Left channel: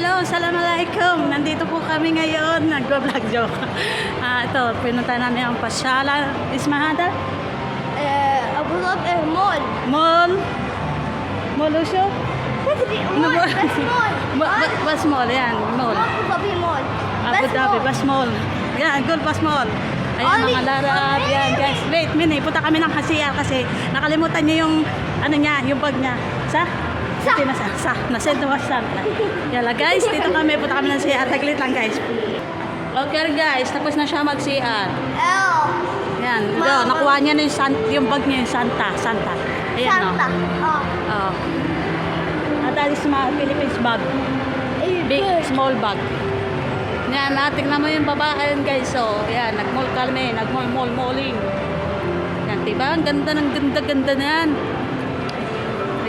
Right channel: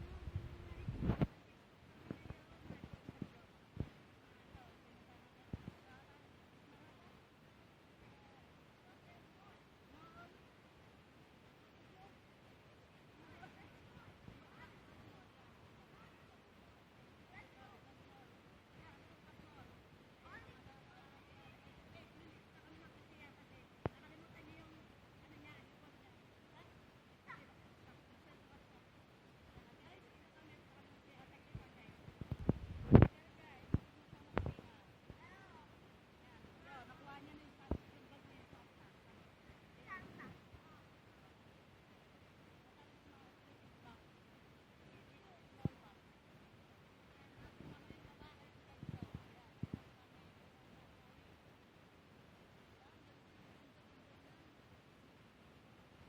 hello, assalamualaikum. Nandito po kami ngayon, nagwa-vlog joke. Ito, pinunta namin ang pasyalan. Ismahada? Abu Dhabi Mall. Mall? Mall Usyo? Mall, best mall. Bus Mall, yan, mall. Abu Dhabi Mall. Abu Dhabi, Bus Mall. Yan, good Bus Mall. Ayan, mga larap. Yan, guys. Wait, minute. Punta kami ng Casilla kasi nakalimutan niya yung, ano niya, yung bag niya. Nasend mo sa Yala guys, dito kami, punta kami ng CR. Taglit lang guys. Okay guys, tapos na siya mag-CR. Yan, go, nakuha niya na yung bag niya, yung Santa. Ayan o. Oh. At alis mga Philippines bag. Big, small bag. Yan, tingnan mo yung babae yun guys. So, yan, nag-mall kami, nag-mall-malling. Yan, diba? Ang ganda ng ganda na yan.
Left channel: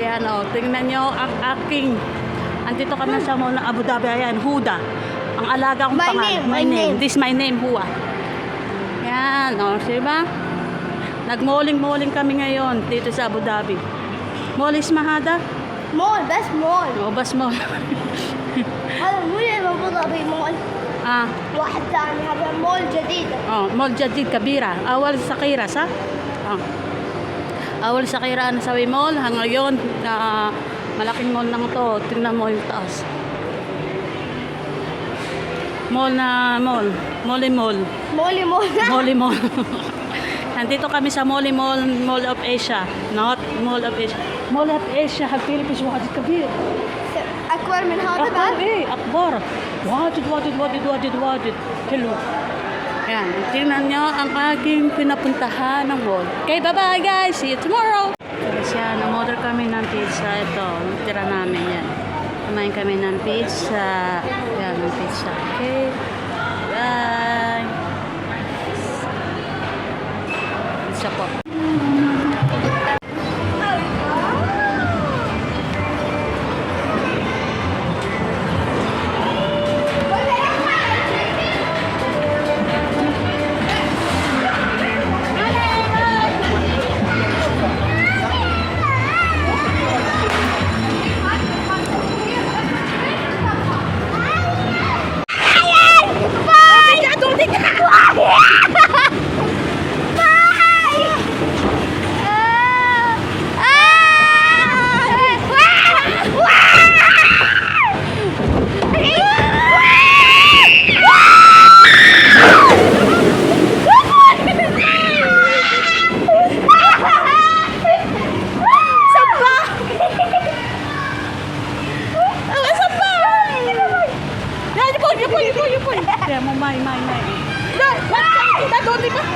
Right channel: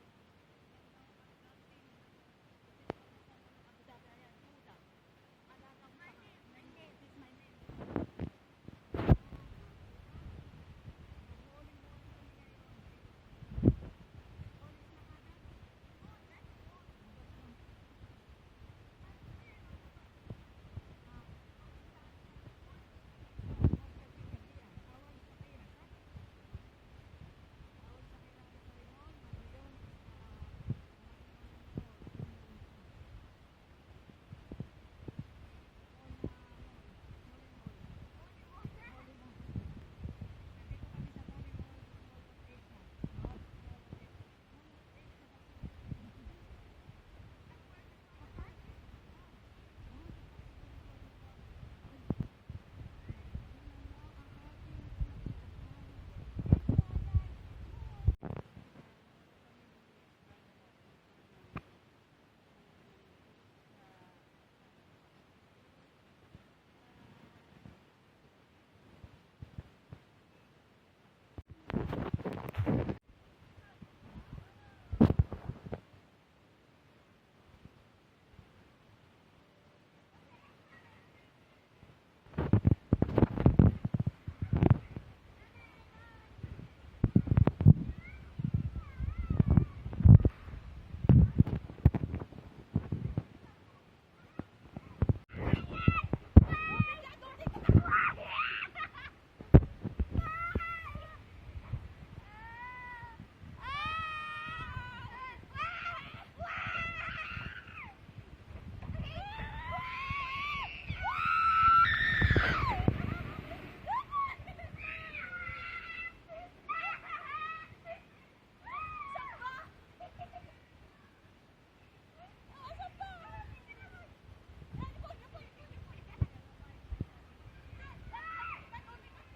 Ayan o, tingnan nyo ang aking, andito kami sa mall ng Abu Dhabi. Ayan, Huda. Ang alaga kong pangalan. My name. This my name, Hua. Yan o, diba? Nag-malling kami ngayon dito sa Abu Dhabi. Mall Ismahada? Mall, best mall. O, bus mall. هذا مو أبو ظبي مول. واحد ثاني هذا مول جديد. مول جديد كبيرة. أول صغيرة صح؟ Awal sa Kiraan sa mall, ngayon malaking mall nang to. Tingnan mo yung taas. Mall. Nandito kami sa Mall of Asia. Not Mall of Asia. Mall of Asia, Philippines, واحد كبير. أكبر من هذا أكبر بعد؟ إيه أكبر. واجد. كله. Yan, tingnan nyo ang aking pinapuntahan ng mall. Okay, bye-bye guys. See you tomorrow. Guys, yan, umorder kami ng pizza. Ito, tira namin yan. Kumain kami ng pizza. Yan, ng pizza. Okay. Bye. Pizza po. Kaya mo, may. Dad, don't leave us.